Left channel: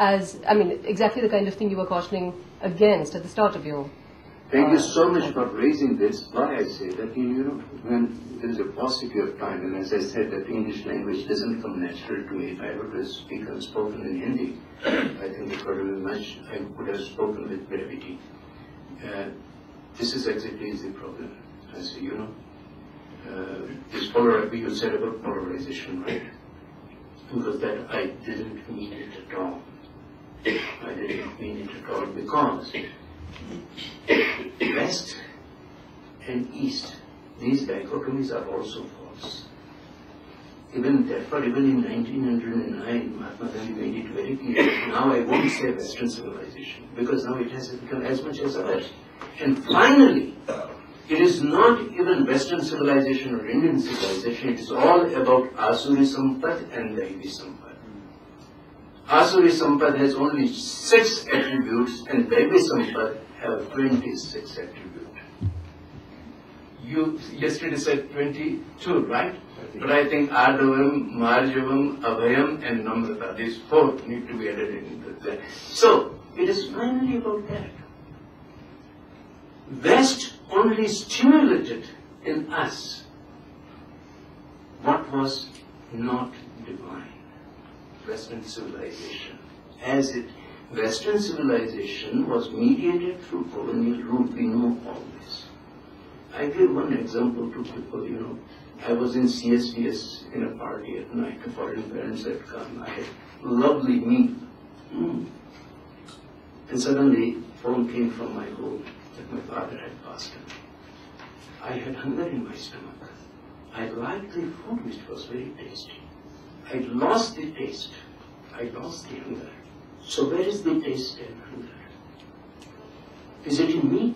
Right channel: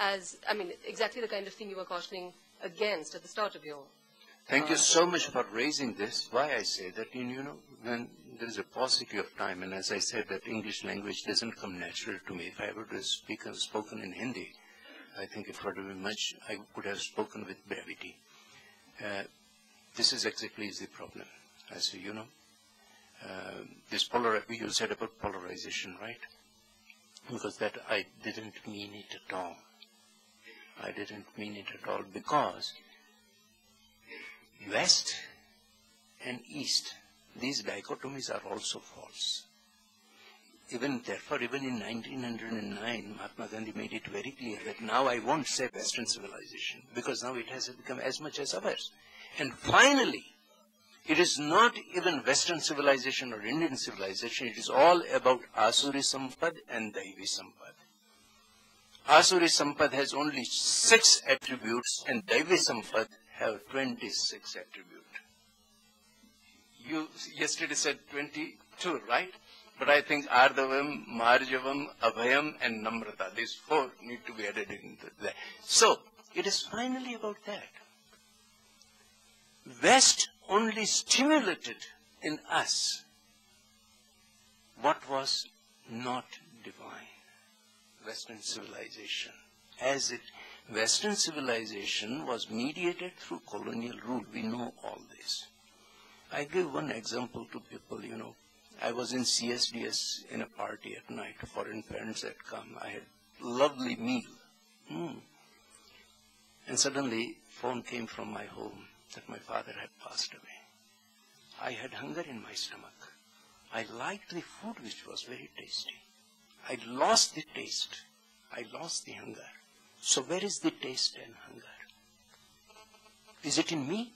as, I mean, exactly the kind of thing you were cautioning against at the start of your... Thank you so much for raising this. Why I say that, when there is a paucity of time, and as I said, that English language doesn't come natural to me. If I were to speak and spoken in Hindi, I think it would have been much, I would have spoken with brevity. This is exactly the problem. I say, this you said about polarization, right? Because that I didn't mean it at all. I didn't mean it at all because West and East, these dichotomies are also false. Therefore, even in 1909, Mahatma Gandhi made it very clear. Now I won't say Western civilization, because now it has become as much as ours. And finally, it is not even Western civilization or Indian civilization, it is all about Asuri Sampad and Daivi Sampad. Asuri Sampad has only 6 attributes and Daivi Sampad have 26 attributes. You yesterday said 22, right? But I think Ardavam, Marjavam, Abhayam and Namrata, these 4 need to be added into that. So, it is finally about that. West only stimulated in us what was not divine. Western civilization. Western civilization was mediated through colonial rule. We know all this. I give one example to people, I was in CSDS in a party at night. The foreign parents had come. I had a lovely meal. And suddenly, phone came from my home that my father had passed away. I had hunger in my stomach. I liked the food, which was very tasty. I lost the taste. I lost the hunger. So where is the taste and hunger? Is it in me?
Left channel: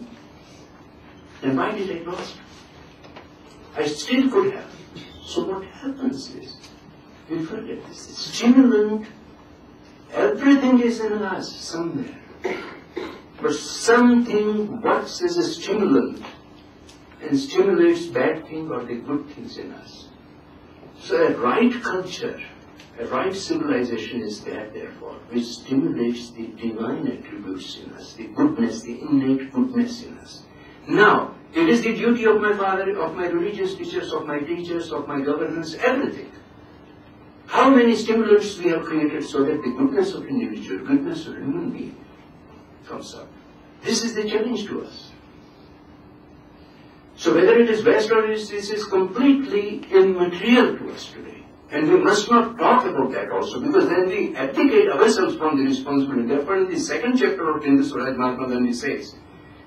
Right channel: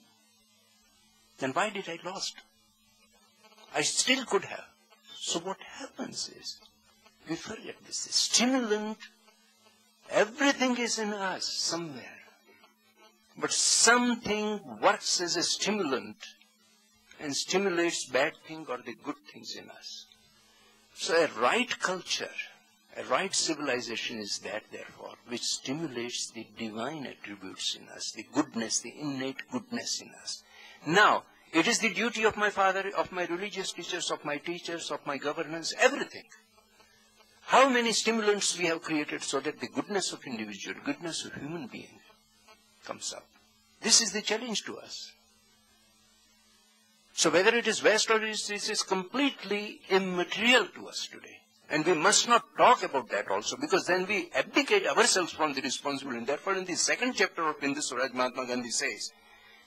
Then why did I lost? I still could have. So what happens is, we forget this. Stimulant, everything is in us somewhere. But something works as a stimulant and stimulates bad things or the good things in us. So a right culture, a right civilization is there, therefore, which stimulates the divine attributes in us, the goodness, the innate goodness in us. Now, it is the duty of my father, of my religious teachers, of my teachers, of my governments, everything. How many stimulants we have created so that the goodness of individual, goodness of human being comes up. This is the challenge to us. So whether it is West or East, this is completely immaterial to us today. And we must not talk about that also, because then we abdicate ourselves from the responsibility. Therefore, in the 2nd chapter of Hindu Swaraj, Mahatma Gandhi says,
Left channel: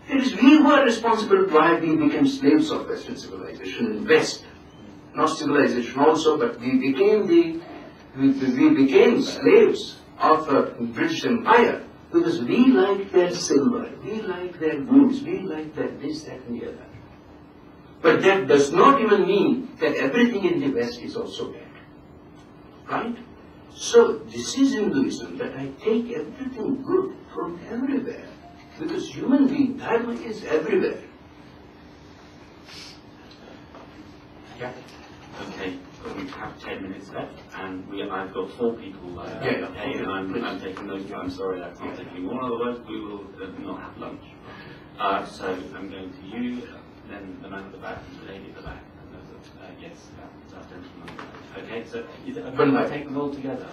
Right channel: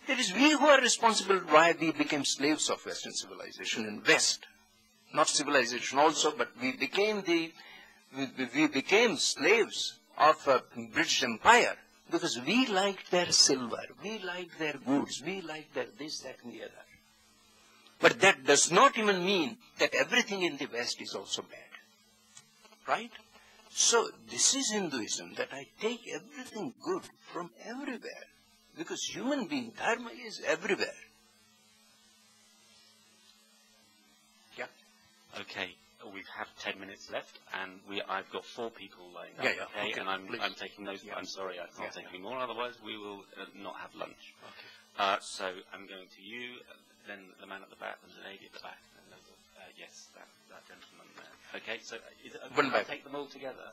it is we who are responsible why we became slaves of Western civilization in West. Not civilization also, but we became slaves of the British Empire because we liked their silver, we liked their goods, we liked their this, that and the other. But that does not even mean that everything in the West is also bad. Right? So this is Hinduism, that I take everything good from everywhere. Because human being, dharma is everywhere. Yeah. Okay, we have 10 minutes left, and I've got 4 people. Okay, and I'm taking those. I'm sorry, I'm not taking all. Otherwise, we will not have lunch. So I'm going to you, then the man at the back, and the lady at the back. Yes, that gentleman. Okay, so when I take them all together.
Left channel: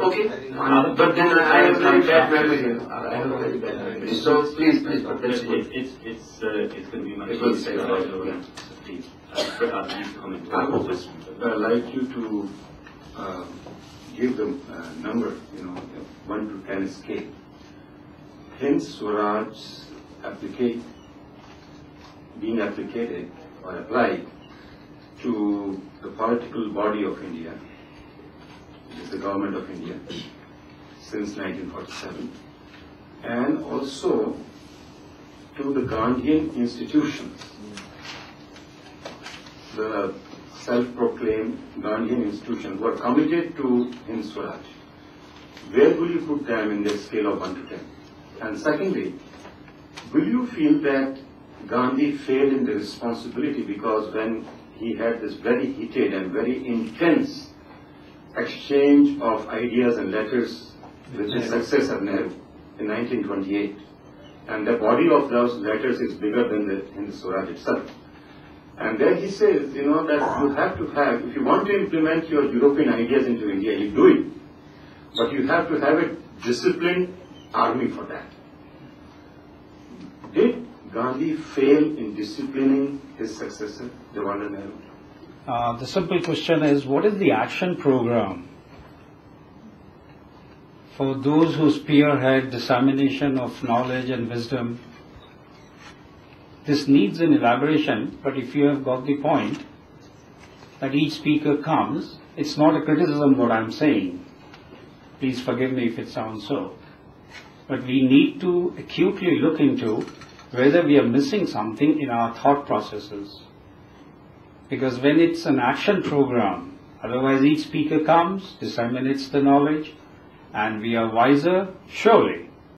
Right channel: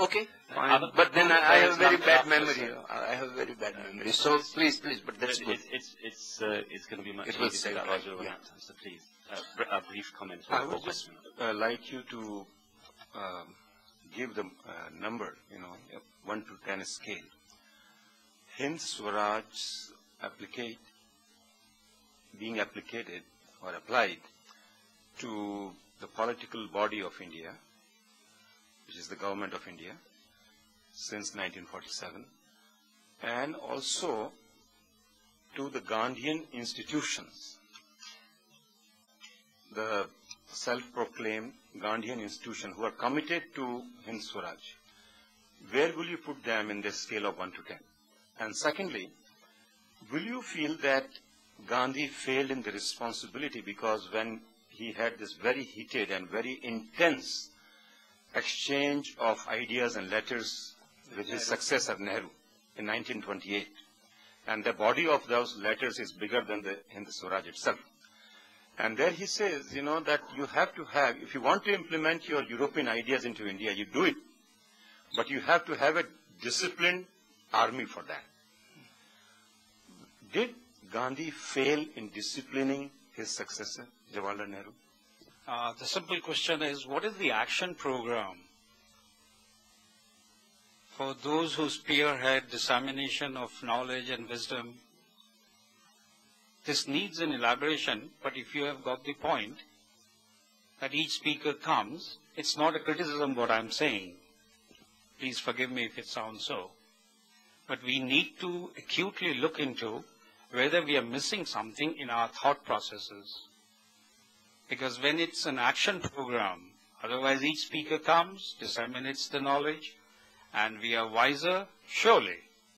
Okay, fine. But then I have very bad memory. I have a very bad memory. So please, but that's good. It's going to be much easier. So please, comment. I would just like you to give the number, 1 to 10 scale. Hind Swaraj being applicated or applied to the political body of India, which is the government of India, since 1947, and also to the Gandhian institutions, the self-proclaimed Gandhian institutions who are committed to Hind Swaraj. Where will you put them in the scale of 1 to 10? And secondly, will you feel that Gandhi failed in the responsibility because when he had this very heated and very intense exchange of ideas and letters with his successor Nehru in 1928. And the body of those letters is bigger than the Hind Swaraj itself. And there he says, you know, that you have to have, if you want to implement your European ideas into India, you do it. But you have to have a disciplined army for that. Did Gandhi fail in disciplining his successor, Jawaharlal Nehru? The simple question is, what is the action program for those who spearhead dissemination of knowledge and wisdom? This needs an elaboration, but if you have got the point that each speaker comes, it's not a criticism what I'm saying. Please forgive me if it sounds so. But we need to acutely look into whether we are missing something in our thought processes. Because when it's an action program, otherwise each speaker comes, disseminates the knowledge, and we are wiser, surely.